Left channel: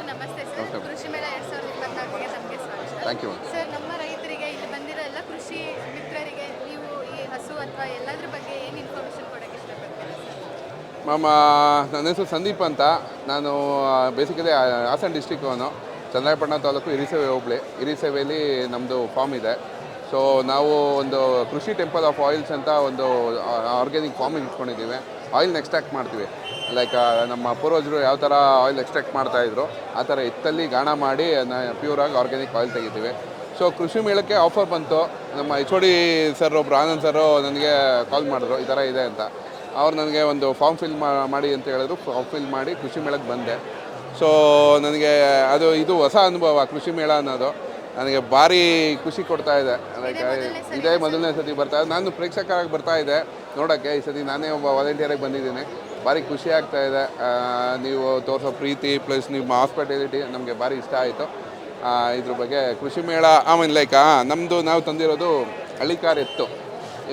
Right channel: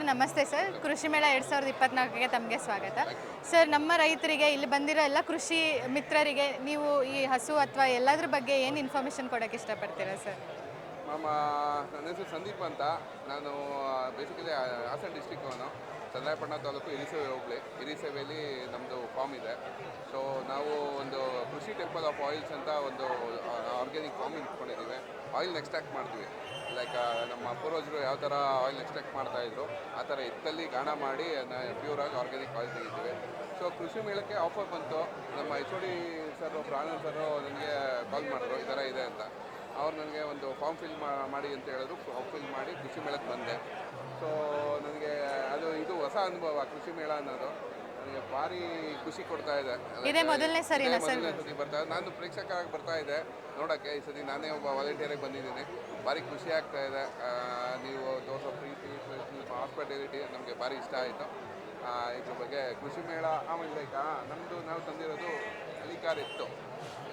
Sir ನಮಸ್ತೆ sir. ಕೃಷಿ ಮೇಳ 2024ಗೆ ತಮಗೆ ಸ್ವಾಗತ. Thank you. ಸರ್, ನಮ್ಮ ರೈತರಿಗೆ ಇಲ್ಲಿ ಬಂದಿರೋ ಎಲ್ಲ ಕೃಷಿ ಮಿತ್ರರಿಗೆ ನೀವು ಈ ಹಸು ಅಥವಾ ಎಲ್ಲದ್ರ ಬಗ್ಗೆ ಏನು ಇನ್ಫಾರ್ಮೇಷನ್ ಕೊಡೋಕ್ಕೆ ಇಷ್ಟಪಡ್ತೀರಾ ಸರ್? ಮ್ಯಾಮ್, ನನ್ನ ಹೆಸರು ಸಂದೀಪ್ ಅಂತ. ನಾನು ಬೇಸಿಕಲಿ ಹಾಸನ ಡಿಸ್ಟಿಕ್ಕವನು, ಚನ್ನರಾಯಪಟ್ಟಣ ತಾಲೂಕು ಹಿರಿಸೇವೆ ಹೋಬಳಿ. ಹಿರಿಸೇವೆಯಲ್ಲಿ ನಮ್ಮದು ಫಾರ್ಮ್ ಇದೆ. ಸೊ ನಾವು ಒಂದು ಕೃಷಿ ಟೆಂಪಲ್ ಆಫ್ ಆಯಿಲ್ಸ್ ಅಂತ ಒಂದು ಆರ್ಗ್ಯಾನಿಕ್ ಫಾರ್ಮಿಂಗ್ ಇಟ್ಕೊಂಡಿದ್ದೀವಿ. ಆಯಿಲ್ನ ಎಕ್ಸ್ಟ್ರಾಕ್ಟ್ ಮಾಡ್ತೀವಿ. ಲೈಕ್ ನಮ್ಮ ಪೂರ್ವಜರು ಯಾವ ಥರ ಆಯಿಲ್ ಎಕ್ಸ್ಟ್ರಾಕ್ಟ್ ಮಾಡ್ತಾಯಿದ್ರು ಆ ಥರ ಎತ್ತಲ್ಲಿ ಗಾಣ ಮಾಡಿ ಪ್ಯೂರಾಗಿ ಆರ್ಗ್ಯಾನಿಕ್ ಆಯಿಲ್ ತೆಗಿತೀವಿ. ಸೊ ಕೃಷಿ ಮೇಳಕ್ಕೆ ಆಫರ್ ಬಂತು. ನಮ್ಮ ಎಚ್ ಒ ಡಿ ಸರ್ ಒಬ್ಬರು ಆನಂದ್ ಸರು ನನಗೆ ಕಾಲ್ ಮಾಡಿದ್ರು, ಈ ಥರ ಇದೆ ಅಂತ. ಅವ್ರು ನನಗೆ ಒಂದು ಫಾರ್ಮ್ ಫಿಲ್ ಮಾಡಿ ಅಂತ ಹೇಳಿದ್ರು. ಫಾರ್ಮ್ ಫಿಲ್ ಮಾಡಿ ಕೃಷಿ ಮೇಳಕ್ಕೆ ಬಂದೆ. ಸೊ ನನಗೆ ಇದು ಹೊಸ ಅನುಭವ. ಕೃಷಿ ಮೇಳ ಅನ್ನೋದು ನನಗೆ ಭಾರಿ ಖುಷಿ ಕೊಡ್ತಾ ಇದೆ. ಇದೇ ಮೊದಲನೇ ಸತಿ ಬರ್ತಾ ಇದೆ. ನಾನು ಪ್ರೇಕ್ಷಕರಾಗಿ ಬರ್ತಾ ಇದೆ ನೋಡೋಕ್ಕೆ. ಈ ಸತಿ ನಾನೇ ಒಬ್ಬ ವಾಲಂಟಿಯರಾಗಿ ಬಂದಿದ್ದೀನಿ. ಭಾರಿ ಖುಷಿ ಆಗ್ತಾ ಇದೆ. ನೀವು ತೋರಿಸೋ ಪ್ರೀತಿ ಪ್ಲಸ್ ನಿಮ್ಮ ಹಾಸ್ಪಿಟಾಲಿಟಿ ನಮಗೆ ಭಾರಿ ಇಷ್ಟ ಆಯಿತು. ಇದ್ರ ಬಗ್ಗೆ ಕೃಷಿ ಮೇಳ ಆಮೇಲೆ ನಮ್ಮದು ನಾವು ತಂದಿರೋದು ಹಳ್ಳಿಕಾರ್ ಎತ್ತು.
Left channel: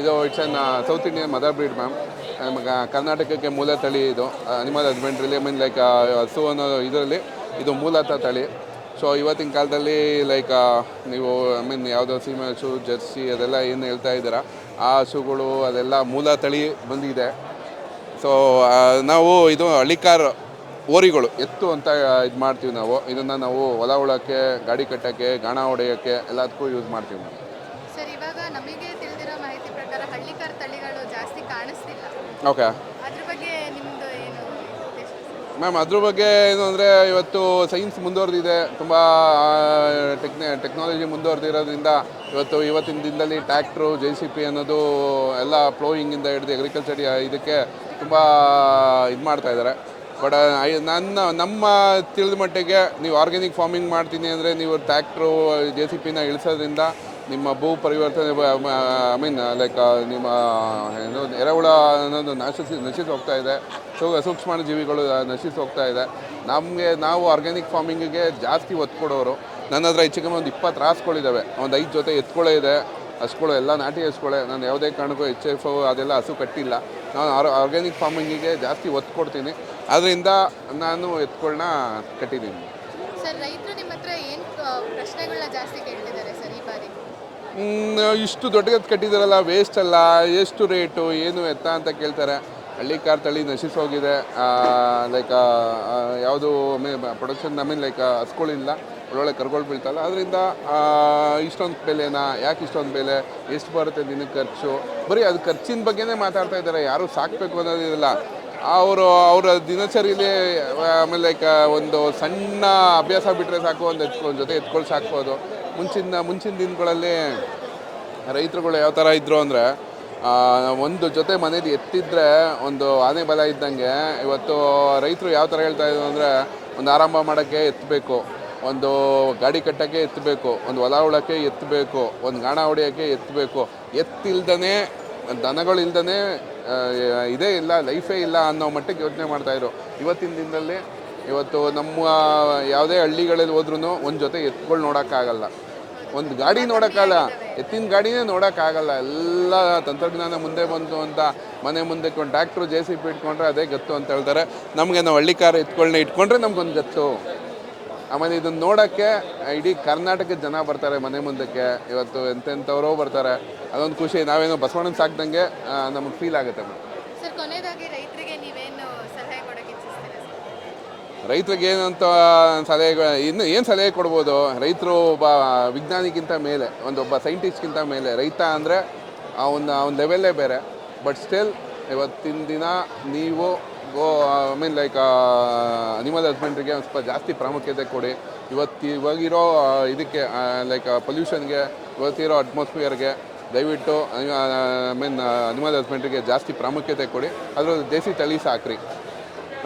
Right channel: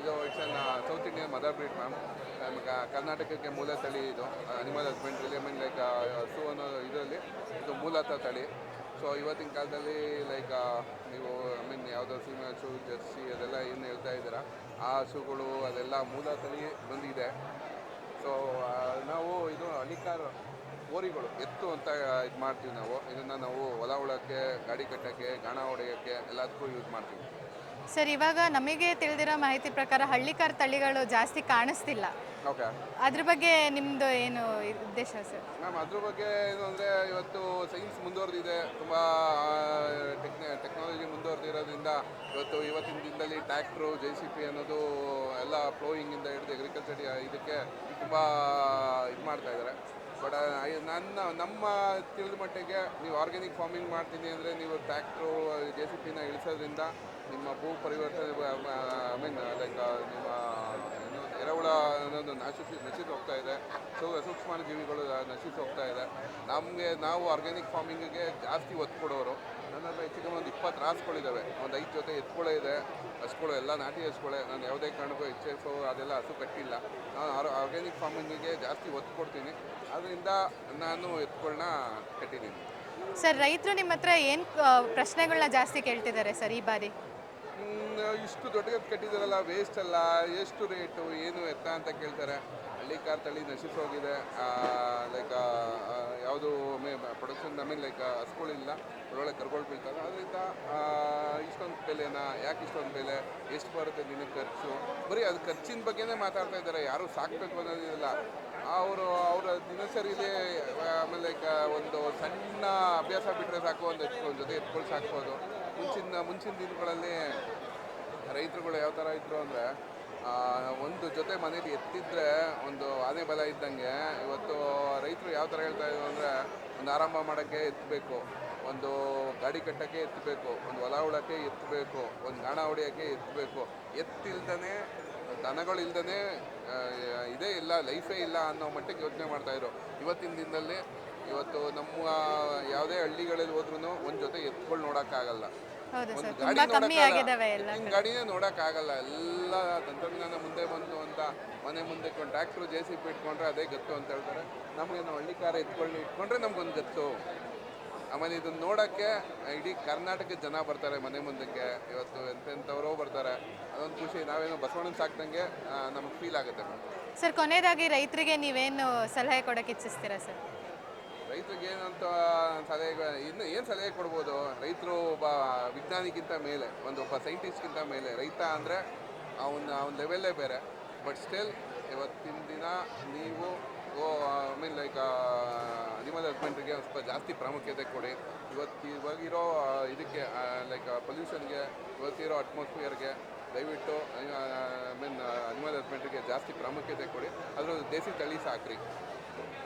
ಇದು it's an South Indian mother breed ma'am. ನಮಗೆ ಕರ್ನಾಟಕಕ್ಕೆ ಮೂಲ ತಳಿ ಇದು. ಅನಿಮಲ್ ಹಸ್ಬೆಂಡ್ರಿಲಿ ಹಸು ಅನ್ನೋ ಇದರಲ್ಲಿ ಇದು ಮೂಲತಃ ತಳಿ. ಸೊ ಇವತ್ತಿನ ಕಾಲದಲ್ಲಿ ನೀವು ಯಾವುದೋ ಸೀಮೆ ಹಸು, ಜರ್ಸಿ ಅದೆಲ್ಲ ಏನು ಹೇಳ್ತಾ ಇದ್ದೀರಾ, ಆ ಹಸುಗಳು ಅದೆಲ್ಲ ಮೂಲ ತಳಿ ಬಂದಿದೆ. ಸೊ ನಾವು ಇದು ಹಳ್ಳಿಕಾರ್ ಓರಿಗಳು ಎತ್ತು ಅಂತ ಇದು ಮಾಡ್ತೀವಿ ನಾವು. ಇದನ್ನು ನಾವು ಹೊಲ ಉಳೋಕ್ಕೆ, ಗಾಡಿ ಕಟ್ಟೋಕ್ಕೆ, ಗಾಣ ಹೊಡೆಯೋಕ್ಕೆ ಎಲ್ಲದಕ್ಕೂ ಯೂಸ್ ಮಾಡ್ತೀವಿ ನಾವು. ಸರ್, ಇವಾಗ ನಮಗೆ ತಿಳಿದಿರೋ ಮಾಹಿತಿ ಪ್ರಕಾರ ಹಳ್ಳಿಕಾರ್ ತಳಿಗಳು ಜಾಸ್ತಿ ಕಾಣಿಸ್ತಿಲ್ಲ. ಓಕೆ ಅದ್ರ ಬಗ್ಗೆ ನಿಮ್ಮದು ಏನು ಉದ್ದೇಶ ಸರ್? ಮ್ಯಾಮ್, ಅದ್ರ ಬಗ್ಗೆ ಏನು ಅಂದರೆ ಇವತ್ತು ಸೈನ್ಸ್ ಮುಂದುವರೆದಿದೆ. ತುಂಬ ಟೆಕ್ನಾಲಜಿ ಮುಂದುವರೆದಿರೋದ್ರಿಂದ ಇವತ್ತಿನ ದಿನದಲ್ಲಿ ಟ್ಯಾಕ್ಟ್ರು, JCB ಅನ್ನೋದು ಎಲ್ಲ ಪ್ಲೋಯಿಂಗಿಂದ ಹಿಡಿದು ಅಗ್ರಿಕಲ್ಚರ್ ಇದಕ್ಕೆ ತುಂಬ ಇದು ಮಾಡ್ತಾಯಿದ್ದಾರೆ. ಬಟ್ ನಮ್ಮ ತಿಳಿದ ಮಟ್ಟಿಗೆ ನೀವು ಆರ್ಗ್ಯಾನಿಕ್ ಫಾರ್ಮಿಂಗ್ ಮಾಡ್ತೀನಿ ಅಂದರೆ ನೀವು ಟ್ಯಾಕ್ಟ್ರು, JCBನ ಇಳಿಸೋದ್ರಿಂದ ನಿಮ್ಮ ಭೂ ಪರಿವರ್ತನೆ ನಿಮ್ಮ ಏನು ಎರೆಹುಳ ಅನ್ನೋದು ನಶಿಸಿ ಹೋಗ್ತಾ ಇದೆ. ಸೂಕ್ಷ್ಮ ಜೀವಿಗಳು ನಶಿಸಿ ಹೋಗ್ತಾ ಇದೆ. ನಾವು ಆರ್ಗ್ಯಾನಿಕ್ ಫಾರ್ಮಿಂಗಿಗೆ ಜಾಸ್ತಿ ಒತ್ತು ಕೊಡೋರು. ನನ್ನ ಹತ್ರ ಹೆಚ್ಚು ಕಮ್ಮಿ ಒಂದು 20 ರಾಸುಗಳಿದ್ದಾವೆ. ಒಂದು 5 ಜೊತೆ ಎತ್ತುಗಳೇ ಇದೆ. ಹಸುಗಳು ಎಲ್ಲ ನಾಟಿ ಹಸುಗಳೇ. ನಾನು ಯಾವುದೇ ಕಾರಣಕ್ಕೂ HF ಅದೆಲ್ಲ ಹಸು ಕಟ್ಟಿಲ್ಲ. ನಾನು ಆರ್ಗ್ಯಾನಿಕ್ ಫಾರ್ಮಿಂಗಿಗೆ ಜಾಸ್ತಿ ಒತ್ತು ಕೊಡ್ತೀನಿ. ಅದರಿಂದ ನಾನು ಎತ್ತುಗಳನ್ನ ಕಟ್ಟಿದ್ದೀನಿ. ಸರ್, ರೈತರು ನಿಮ್ಮ ಹತ್ರ ಏನು ಪ್ರಶ್ನೆಗಳನ್ನ ಜಾಸ್ತಿ ಕೇಳ್ತಿದ್ದಾರೆ ಸರ್ ಈ ಬಾರಿ? ಇಷ್ಟು ದೊಡ್ಡದು ಕಟ್ಟಿದಾರಲ್ಲ, ವೇಸ್ಟ್ ಅಲ್ಲ, ಎಷ್ಟು ರೇಟು ಏನು ಎತ್ತ ಅಂತ ಕೇಳ್ತಾರೆ. ಹಳ್ಳಿಕಾರ್ ತಳಿ ನಶಿಸೋಗಿದೆ. ಯಾವುದು ಪ್ರೊಡಕ್ಷನ್ ಹಸ್ಗಳಿಲ್ಲ, ಒಳ್ಳೊಳ್ಳೆ ಕರುಗಳು ಬೀಳ್ತಲ್ಲ. ಅದರಿಂದ ಇಷ್ಟೊಂದು ಬೆಲೆನಾ, ಯಾಕೆ ಇಷ್ಟೊಂದು ಬೆಲೆ, ಎಷ್ಟು ಬರುತ್ತೆ ದಿನಕ್ಕೆ ಖರ್ಚು, ಬರೀ ಅದು ಖರ್ಚಿನ ಬಗ್ಗೆನೇ ಮಾತಾಡ್ತಾ ಇದ್ದಾರೆ. ಯಾರು ಸಾಕಬೇಕು ಅನ್ನೋದಿಲ್ಲ. ಅವರ ದಿನಚರಿಯಲ್ಲಿ ಆಮೇಲೆ ಒಂದು ಸಣ್ಣ ಅಭ್ಯಾಸ ಬಿಟ್ಟರೆ ಸಾಕು, ಒಂದು ಜೊತೆ ಎತ್ಕೊಂಡು ಸಾಕ್ಬೋದು. ಮುಂಚಿನ ದಿನಗಳಲ್ಲಿ ರೈತರುಗಳು ಯಾವ ಥರ ಇದ್ದರು ಅಂದರೆ, ಒಂದು ಜೊತೆ ಮನೇಲಿ ಎತ್ತಿದ್ರೆ ಒಂದು ಆನೆ ಬಲ ಇದ್ದಂಗೆ. ಇವತ್ತು ರೈತರು ಯಾವ ಥರ ಹೇಳ್ತಾ ಇದ್ರು ಅಂದರೆ, ಒಂದು ಆರಂಭ ಮಾಡೋಕ್ಕೆ ಎತ್ತಬೇಕು, ಒಂದು ಗಾಡಿ ಕಟ್ಟೋಕ್ಕೆ ಎತ್ತಬೇಕು, ಒಂದು ಹೊಲ ಉಳೋಕ್ಕೆ ಎತ್ತಬೇಕು, ಒಂದು ಗಾಣ ಹೊಡೆಯೋಕ್ಕೆ ಎತ್ತಬೇಕು. ಎತ್ತಿಲ್ದೇ, ದನಗಳಿಲ್ದೇ ಇದೇ ಇಲ್ಲ, ಲೈಫೇ ಇಲ್ಲ ಅನ್ನೋ ಮಟ್ಟಿಗೆ ಯೋಚನೆ ಮಾಡ್ತಾಯಿದ್ರು. ಇವತ್ತಿನ ದಿನದಲ್ಲಿ ನಮ್ಮ ಯಾವುದೇ ಹಳ್ಳಿಗಳಲ್ಲಿ ಹೋದ್ರೂ ಒಂದು ಜೊತೆ ಎತ್ತುಗಳು ನೋಡೋಕ್ಕಾಗಲ್ಲ, ಒಂದು ಗಾಡಿ ನೋಡೋಕ್ಕಲ್ಲ, ಎತ್ತಿನ ಗಾಡಿನೇ ನೋಡೋಕ್ಕಾಗಲ್ಲ. ಎಲ್ಲ ತಂತ್ರಜ್ಞಾನ ಮುಂದೆ ಬಂತು ಅಂತ ಮನೆ ಮುಂದಕ್ಕೆ ಒಂದು ಟ್ಯಾಕ್ಟ್ರು, JCB ಇಟ್ಕೊಂಡ್ರೆ ಅದೇ ಗತ್ತು ಅಂತ ಹೇಳ್ತಾರೆ. ನಮಗೆ ನಾವು ಹಳ್ಳಿಕಾರ ಎತ್ತುಗಳನ್ನ ಇಟ್ಕೊಂಡ್ರೆ ನಮ್ಗೊಂದು ಗತ್ತು. ಆಮೇಲೆ ಇದನ್ನು ನೋಡೋಕ್ಕೆ ಇಡೀ ಕರ್ನಾಟಕದ ಜನ ಬರ್ತಾರೆ ಮನೆ ಮುಂದಕ್ಕೆ. ಇವತ್ತು ಎಂತೆಂಥವರೋ ಬರ್ತಾರೆ. ಅದೊಂದು ಖುಷಿ. ನಾವೇನೋ ಬಸವಣ್ಣನ ಸಾಕ್ದಂಗೆ ನಮಗೆ ಫೀಲ್ ಆಗುತ್ತೆ. ಸರ್, ಕೊನೆಯದಾಗಿ ರೈತರಿಗೆ ನೀವೇನು ಸಲಹೆ ಕೊಡೋಕ್ಕೆ ಇಚ್ಛಿಸ್ತೀರಾ ಸರ್? ರೈತರಿಗೆ ಏನಂತ ಇನ್ನು ಏನು ಸಲಹೆ ಕೊಡ್ಬೋದು? ರೈತರು ಒಬ್ಬ ವಿಜ್ಞಾನಿಗಿಂತ ಮೇಲೆ, ಒಬ್ಬ ಸೈಂಟಿಸ್ಟ್ಗಿಂತ ಮೇಲೆ. ರೈತ ಅಂದರೆ ಅವನ ಲೆವೆಲ್ಲೇ ಬೇರೆ. ಬಟ್ ಸ್ಟಿಲ್ ಇವತ್ತಿನ ದಿನ ನೀವು ಅನಿಮಲ್ ಹಸ್ಬೆಂಡ್ರಿಗೆ ಒಂದು ಸ್ವಲ್ಪ ಜಾಸ್ತಿ ಪ್ರಾಮುಖ್ಯತೆ ಕೊಡಿ. ಇವಾಗಿರೋ ಇದಕ್ಕೆ ಪೊಲ್ಯೂಷನ್ಗೆ, ಇವತ್ತಿರೋ ಅಟ್ಮಾಸ್ಫಿಯರ್ಗೆ ದಯವಿಟ್ಟು ಅನಿಮಲ್ ಹಸ್ಬೆಂಡ್ರಿಗೆ ಜಾಸ್ತಿ ಪ್ರಾಮುಖ್ಯತೆ ಕೊಡಿ. ಅದರ ದೇಸಿ ತಳಿ ಸಾಕ್ರಿ.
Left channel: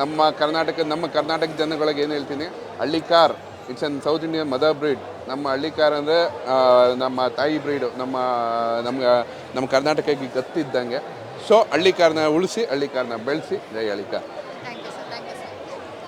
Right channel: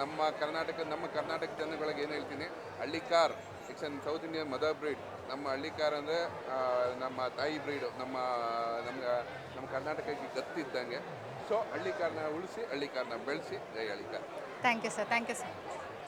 ನಮ್ಮ ಕರ್ನಾಟಕ ಜನಗಳಿಗೆ ಏನು ಹೇಳ್ತೀನಿ, Hallikar it's an South Indian mother breed. ನಮ್ಮ ಹಳ್ಳಿಕಾರ್ ಅಂದರೆ ನಮ್ಮ ತಾಯಿ ಬ್ರೀಡು. ನಮ್ಮ ಕರ್ನಾಟಕಕ್ಕೆ ಗತ್ತಿದ್ದಂಗೆ. ಸೊ ಹಳ್ಳಿಕಾರನ್ನ ಉಳಿಸಿ, ಹಳ್ಳಿಕಾರನ್ನ ಬೆಳೆಸಿ. ಜೈ ಹಳ್ಳಿಕಾರ್. Thank you sir.